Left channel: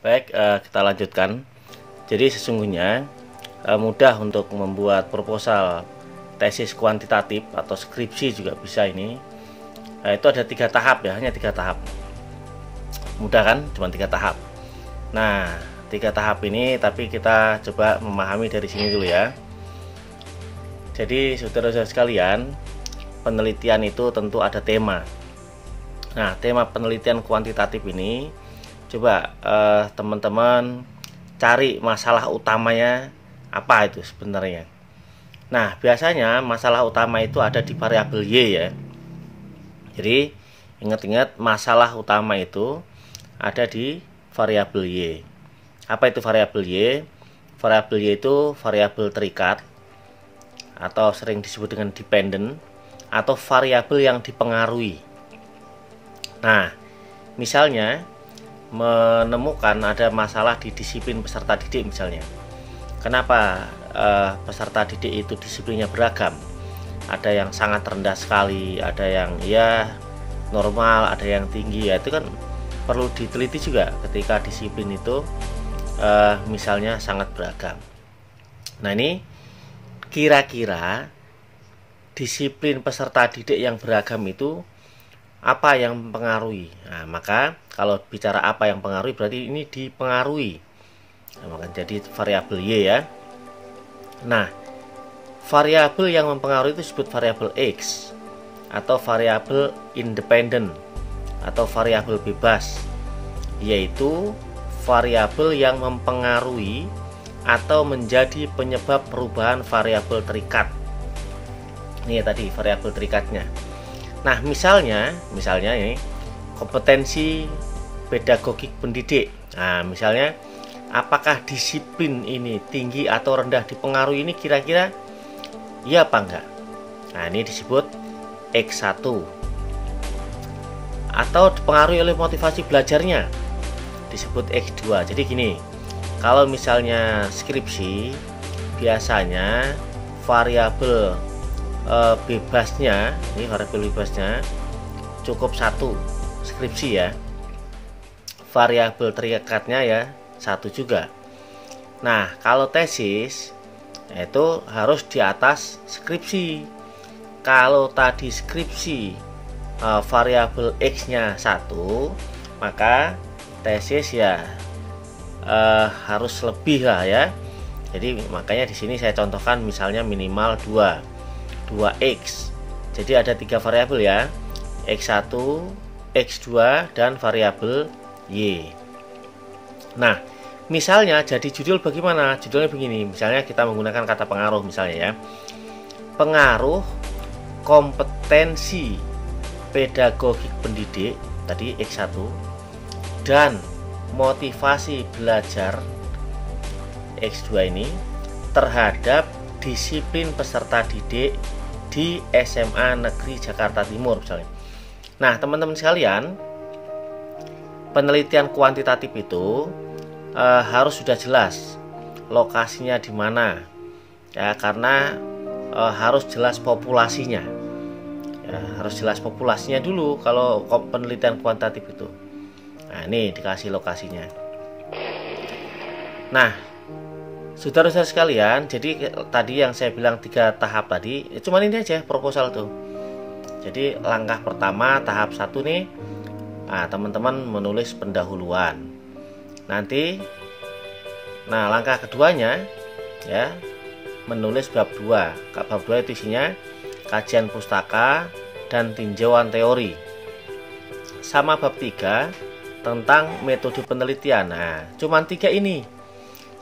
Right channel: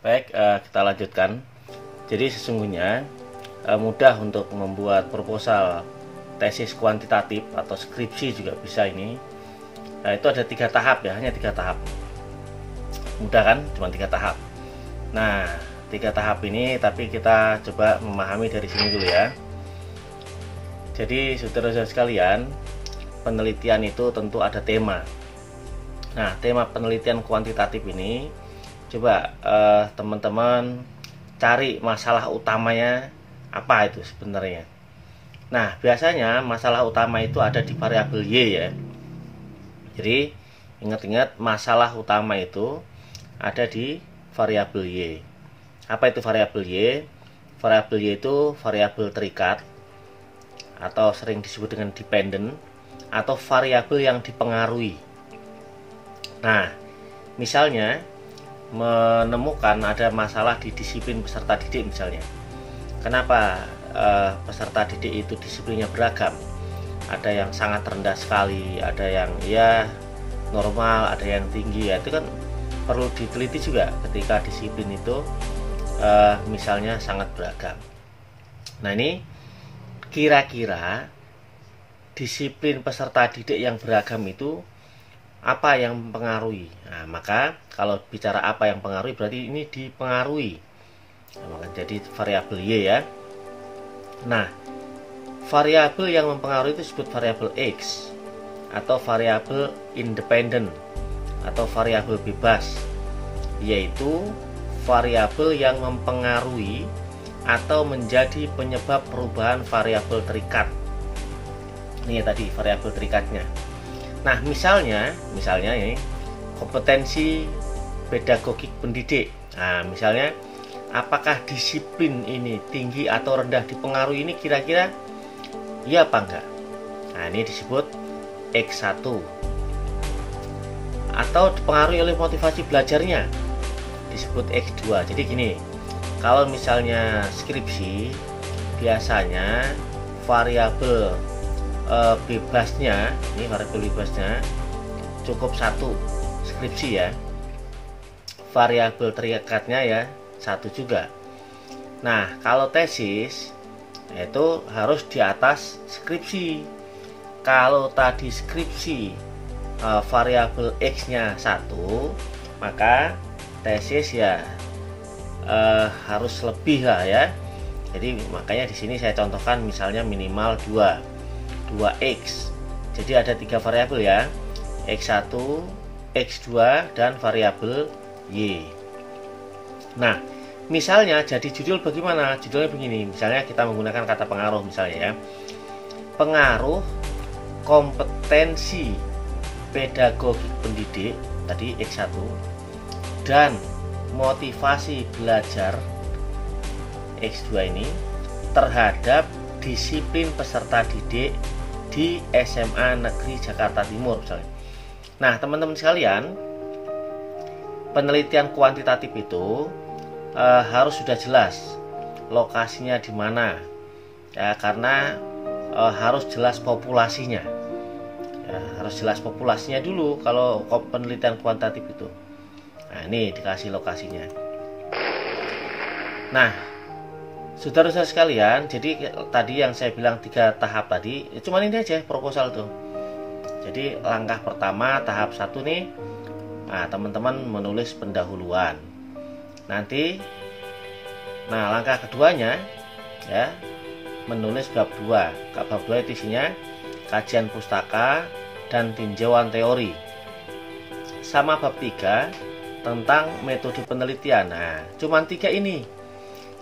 Baik, kita lanjutkan. Jadi sesungguhnya mudah untuk membuat proposal tesis kuantitatif atau skripsi juga bisa ini. Itu ada 3 tahap ya, hanya 3 tahap. Mudah kan? Cuma 3 tahap. Nah, 3 tahap ini tapi kita coba memahami dari sini dulu ya. Jadi saudara-saudara sekalian, penelitian itu tentu ada tema. Nah, tema penelitian kuantitatif ini coba teman-teman cari masalah utamanya apa itu sebenarnya. Nah, biasanya masalah utama itu ada di variabel Y ya. Jadi ingat-ingat masalah utama itu ada di variabel Y. Apa itu variabel Y? Variabel Y itu variabel terikat atau sering disebut dengan dependent atau variabel yang dipengaruhi. Nah, misalnya menemukan ada masalah di disiplin peserta didik misalnya. Kenapa peserta didik itu disiplinnya beragam? Ada yang sangat rendah sekali, ada yang ya normal, ada yang tinggi ya. Itu kan perlu diteliti juga ketika disiplin itu misalnya sangat beragam. Nah, ini kira-kira disiplin peserta didik yang beragam itu apa yang mempengaruhi? Nah, maka kalau bicara apa yang mempengaruhi berarti ini dipengaruhi. Nah, jadi variabel Y ya. Nah, variabel yang mempengaruhi itu disebut variabel X atau variabel independen atau variabel bebas, yaitu variabel yang mempengaruhi atau menjadi penyebab perubahan variabel terikat. Ini ya tadi variabel terikatnya. Nah, misalnya ini kompetensi pedagogik pendidik. Nah, misalnya apakah disiplin ini tinggi atau rendah dipengaruhi, ini kira-kira iya apa enggak? Nah, ini disebut X1. Atau dipengaruhi oleh motivasi belajarnya, disebut X2. Jadi gini, kalau misalnya skripsi biasanya variabel bebasnya, ini variabel bebasnya cukup 1 skripsi ya. Variabel terikatnya ya 1 juga. Nah, kalau tesis itu harus di atas skripsi. Kalau tadi skripsi variabel X-nya 1, maka tesis ya harus lebih lah ya. Jadi makanya di sini saya contohkan misalnya minimal 2x. Jadi ada 3 variabel ya, X1, X2 dan variabel Y. Nah, misalnya jadi judul bagaimana? Judulnya begini, misalnya kita menggunakan kata pengaruh misalnya ya. Pengaruh kompetensi pedagogik pendidik tadi X1 dan motivasi belajar X2 ini terhadap disiplin peserta didik di SMA Negeri Jakarta Timur misalnya. Nah, teman-teman sekalian, penelitian kuantitatif itu harus sudah jelas lokasinya di mana ya, karena harus jelas populasinya ya, harus jelas populasinya dulu kalau penelitian kuantitatif itu. Nah, ini dikasih lokasinya. Nah, saudara-saudara sekalian, jadi tadi yang saya bilang 3 tahap tadi, cuman ini aja proposal tuh. Jadi langkah pertama tahap 1 nih, nah teman-teman menulis pendahuluan. Nanti, nah langkah keduanya ya menulis bab 2. Bab 2 itu isinya kajian pustaka dan tinjauan teori. Sama bab 3 tentang metode penelitian. Nah, cuman 3 ini.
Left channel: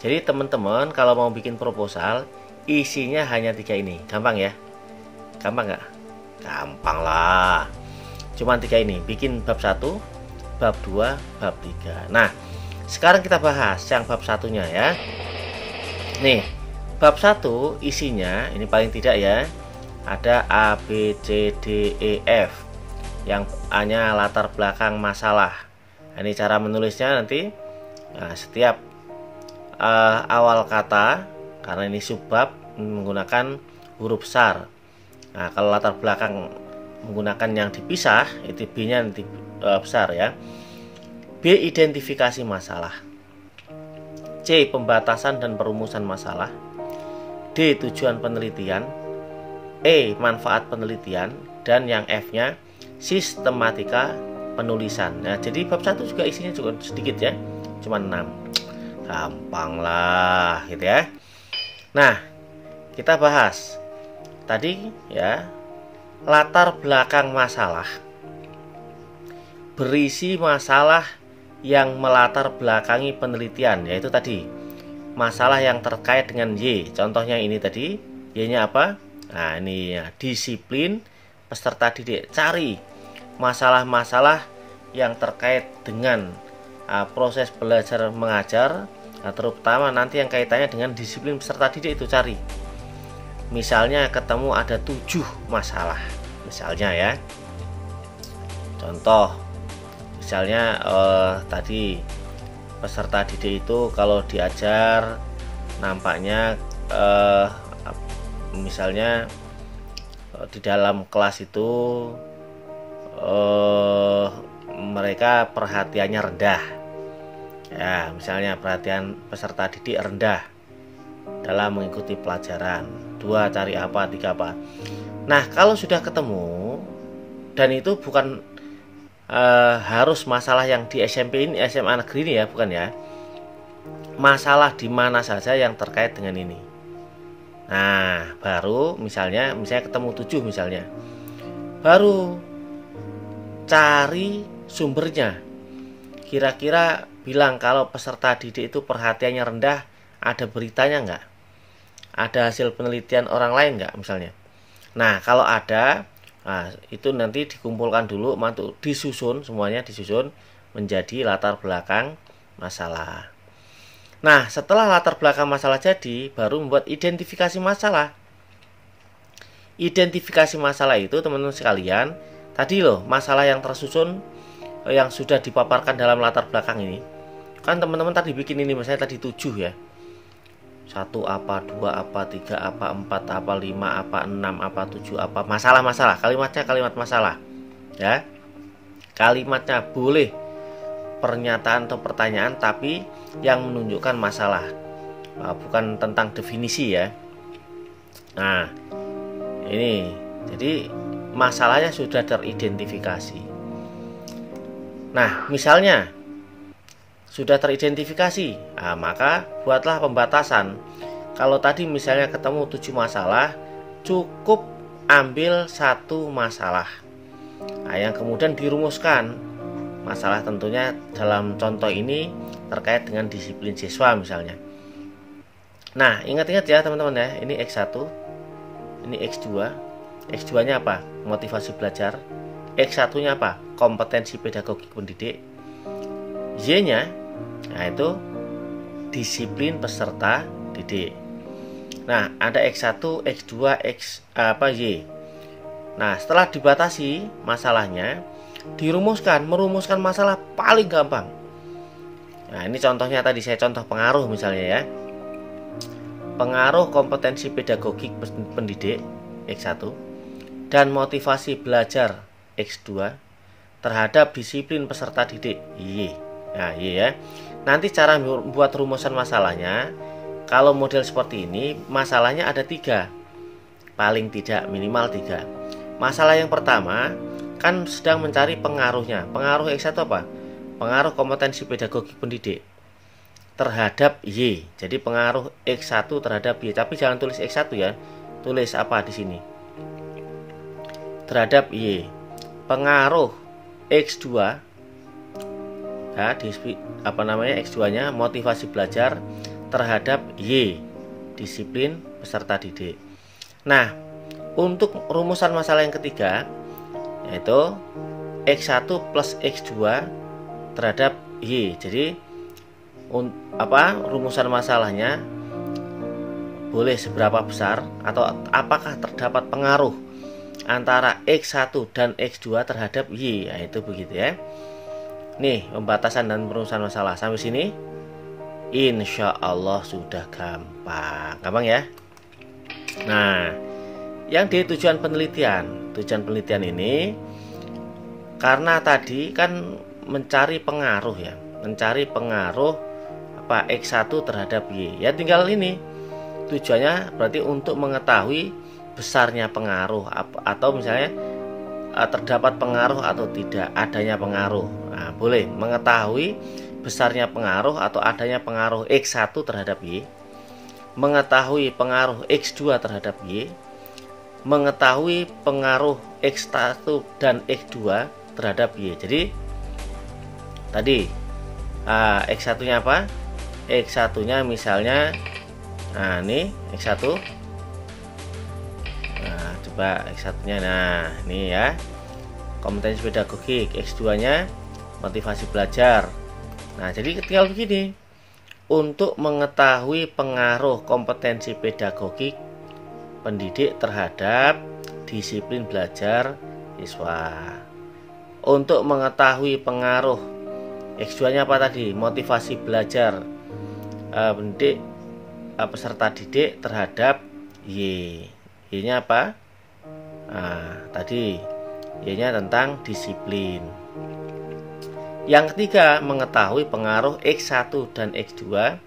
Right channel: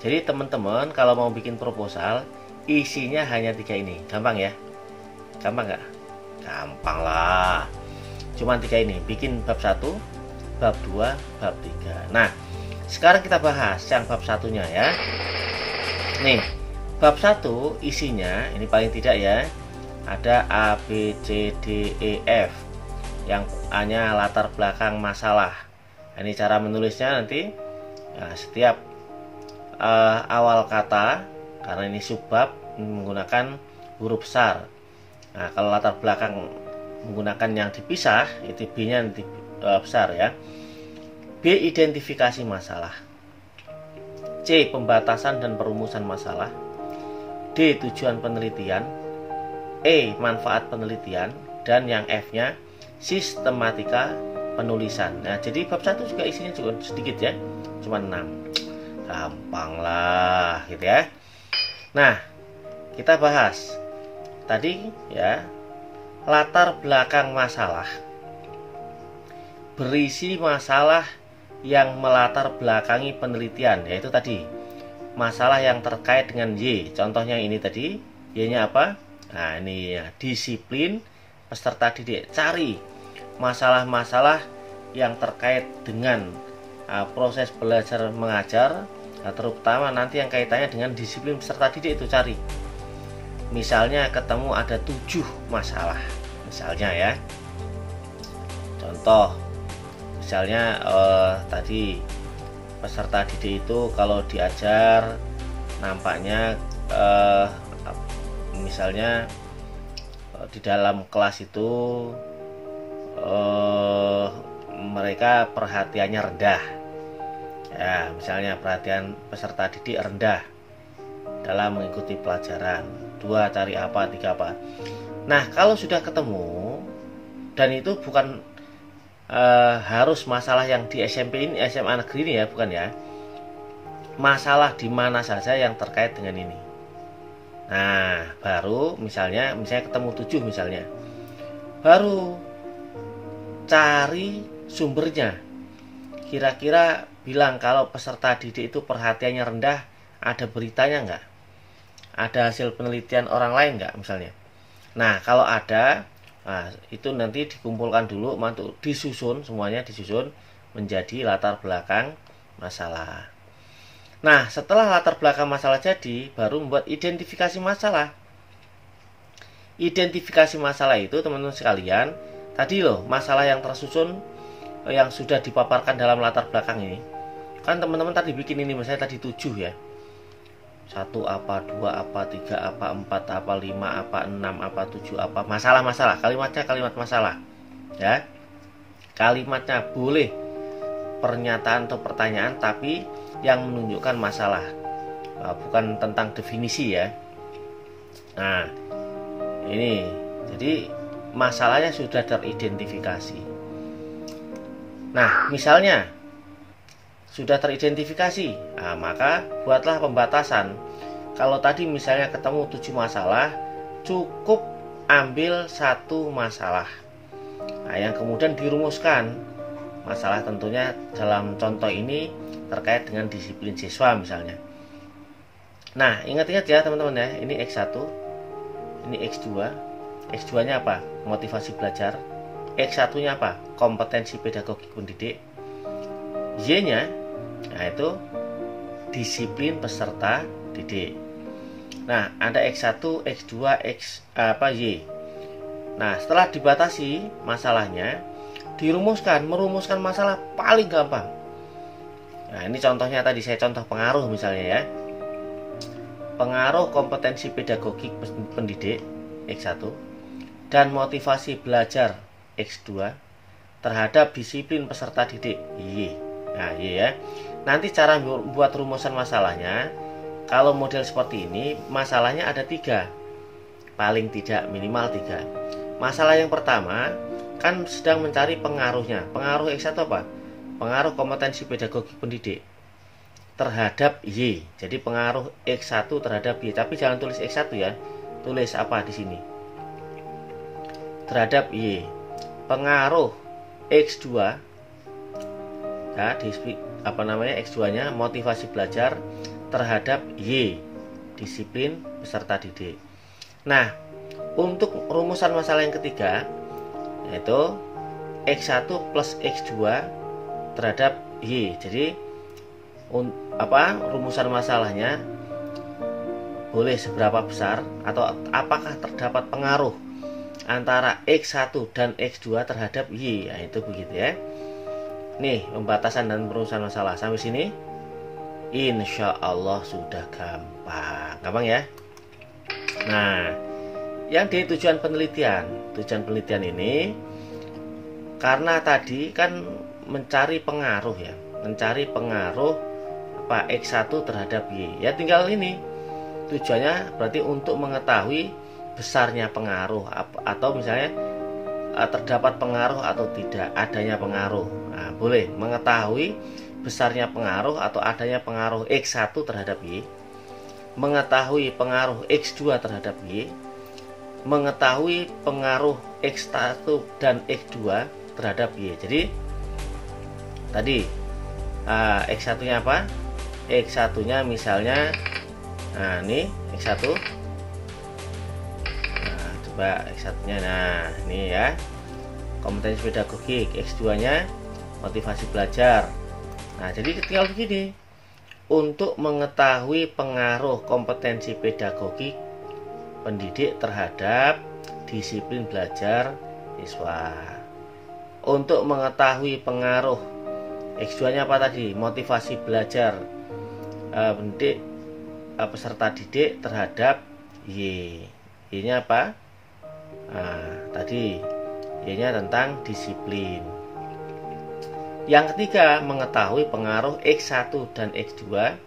Jadi teman-teman kalau mau bikin proposal isinya hanya 3 ini. Gampang ya? Gampang nggak? Gampang lah. Cuman 3 ini. Bikin bab 1, bab 2, bab 3. Nah, sekarang kita bahas yang bab 1-nya ya. Nih, bab 1 isinya ini paling tidak ya ada A, B, C, D, E, F. Yang A-nya latar belakang masalah. Ini cara menulisnya nanti setiap awal kata, karena ini subbab, menggunakan huruf besar. Nah, kalau latar belakang menggunakan yang dipisah, itu B-nya nanti besar ya. B. Identifikasi masalah. C. Pembatasan dan perumusan masalah. D. Tujuan penelitian. E. Manfaat penelitian. Dan yang F-nya sistematika penulisan. Nah, jadi bab 1 juga isinya juga sedikit ya, cuma 6. Gampang lah gitu ya. Nah, kita bahas tadi ya, latar belakang masalah. Berisi masalah yang melatar belakangi penelitian, yaitu tadi masalah yang terkait dengan Y. Contohnya ini tadi, Y-nya apa? Nah, ini ya, disiplin peserta didik. Cari masalah-masalah yang terkait dengan proses belajar mengajar, terutama nanti yang kaitannya dengan disiplin peserta didik itu cari. Misalnya ketemu ada 7 masalah, misalnya ya. Contoh, misalnya tadi peserta didik itu kalau diajar nampaknya misalnya di dalam kelas itu mereka perhatiannya rendah ya, misalnya perhatian peserta didik rendah dalam mengikuti pelajaran. 2, cari apa, 3 apa. Nah, kalau sudah ketemu, dan itu bukan harus masalah yang di SMP ini, SMA negeri ini ya, bukan ya, masalah di mana saja yang terkait dengan ini. Nah, baru misalnya ketemu 7 misalnya, baru cari sumbernya. Kira-kira bilang kalau peserta didik itu perhatiannya rendah, ada beritanya nggak? Ada hasil penelitian orang lain nggak misalnya? Nah, kalau ada, nah, itu nanti dikumpulkan dulu, mantu disusun, semuanya disusun menjadi latar belakang masalah. Nah, setelah latar belakang masalah jadi, baru membuat identifikasi masalah. Identifikasi masalah itu teman-teman sekalian, tadi loh masalah yang tersusun yang sudah dipaparkan dalam latar belakang ini. Kan teman-teman tadi bikin ini, misalnya tadi 7 ya. 1 apa, 2 apa, 3 apa, 4 apa, 5 apa, 6 apa, 7 apa. Masalah-masalah, kalimatnya kalimat masalah. Ya. Kalimatnya boleh pernyataan atau pertanyaan, tapi yang menunjukkan masalah, bukan tentang definisi ya. Nah, ini jadi masalahnya sudah teridentifikasi. Nah, misalnya sudah teridentifikasi, nah, maka buatlah pembatasan. Kalau tadi misalnya ketemu 7 masalah, cukup ambil 1 masalah. Nah, yang kemudian dirumuskan. Masalah tentunya dalam contoh ini terkait dengan disiplin siswa misalnya. Nah, ingat-ingat ya teman-teman ya, ini X1, ini X2. X2-nya apa? Motivasi belajar. X1-nya apa? Kompetensi pedagogik pendidik. Y-nya, nah itu disiplin peserta didik. Nah, ada X1, X2, Y. Nah, setelah dibatasi masalahnya, merumuskan masalah paling gampang. Nah, ini contohnya tadi saya contoh pengaruh misalnya ya. Pengaruh kompetensi pedagogik pendidik X1 dan motivasi belajar X2 terhadap disiplin peserta didik Y. Nah, ya. Nanti cara membuat rumusan masalahnya, kalau model seperti ini, masalahnya ada 3. Paling tidak minimal 3. Masalah yang pertama kan sedang mencari pengaruhnya. Pengaruh X1 apa? Pengaruh kompetensi pedagogik pendidik terhadap Y. Jadi pengaruh X1 terhadap Y, tapi jangan tulis X1 ya. Tulis apa di sini? Terhadap Y. Pengaruh X2, nah, X2-nya motivasi belajar terhadap Y, disiplin peserta didik. Nah, untuk rumusan masalah yang ketiga, yaitu X1 plus X2 terhadap Y. Jadi rumusan masalahnya boleh seberapa besar, atau apakah terdapat pengaruh antara X1 dan X2 terhadap Y. Nah, itu begitu ya. Nih, pembatasan dan perumusan masalah sampai sini, insya Allah sudah gampang ya. Nah, yang di tujuan penelitian ini, karena tadi kan mencari pengaruh ya, mencari pengaruh apa X1 terhadap Y. Ya tinggal ini. Tujuannya berarti untuk mengetahui besarnya pengaruh atau misalnya terdapat pengaruh atau tidak adanya pengaruh. Nah, boleh mengetahui besarnya pengaruh atau adanya pengaruh X1 terhadap Y, mengetahui pengaruh X2 terhadap Y, mengetahui pengaruh X1 dan X2 terhadap Y. Jadi tadi X1 nya apa? X1 nya misalnya ini X1. Coba X1 nya, nah ini ya kompetensi pedagogik. X2 nya motivasi belajar. Nah jadi tinggal begini, untuk mengetahui pengaruh kompetensi pedagogik pendidik terhadap disiplin belajar siswa, untuk mengetahui pengaruh X2 nya apa tadi, motivasi belajar pendidik peserta didik terhadap Y. Y nya apa? Tadi Y nya tentang disiplin. Yang ketiga, mengetahui pengaruh X1 dan X2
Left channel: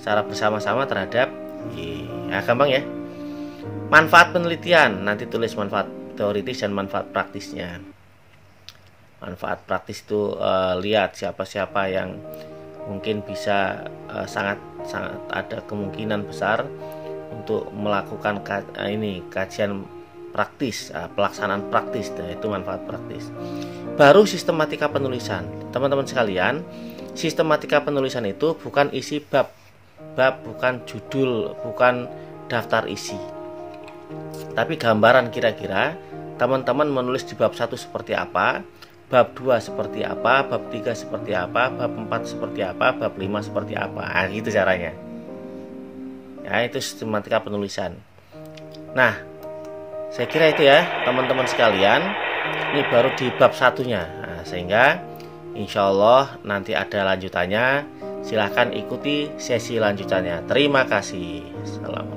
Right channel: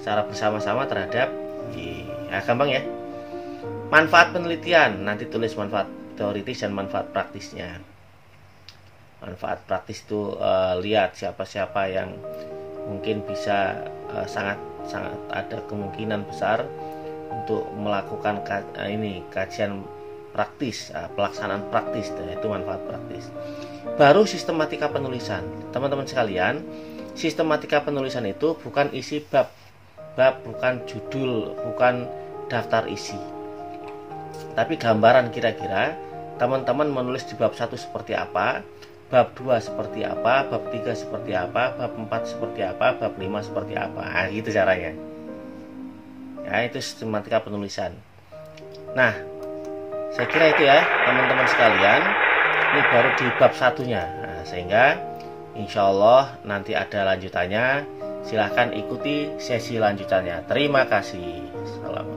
secara bersama-sama terhadap Y. Nah, gampang ya. Manfaat penelitian, nanti tulis manfaat teoritis dan manfaat praktisnya. Manfaat praktis itu lihat siapa-siapa yang mungkin bisa sangat ada kemungkinan besar untuk melakukan kajian praktis, pelaksanaan praktis, itu manfaat praktis. Baru sistematika penulisan. Teman-teman sekalian, sistematika penulisan itu bukan isi bab, bukan judul, bukan daftar isi, tapi gambaran kira-kira teman-teman menulis di bab 1 seperti apa, bab 2 seperti apa, bab 3 seperti apa, bab 4 seperti apa, bab 5 seperti apa. Nah, gitu caranya. Ya, itu sistematika penulisan. Nah, saya kira itu ya teman-teman sekalian. Ini baru di bab 1-nya. Nah, sehingga insya Allah nanti ada lanjutannya. Silahkan ikuti sesi lanjutannya. Terima kasih. Assalamualaikum.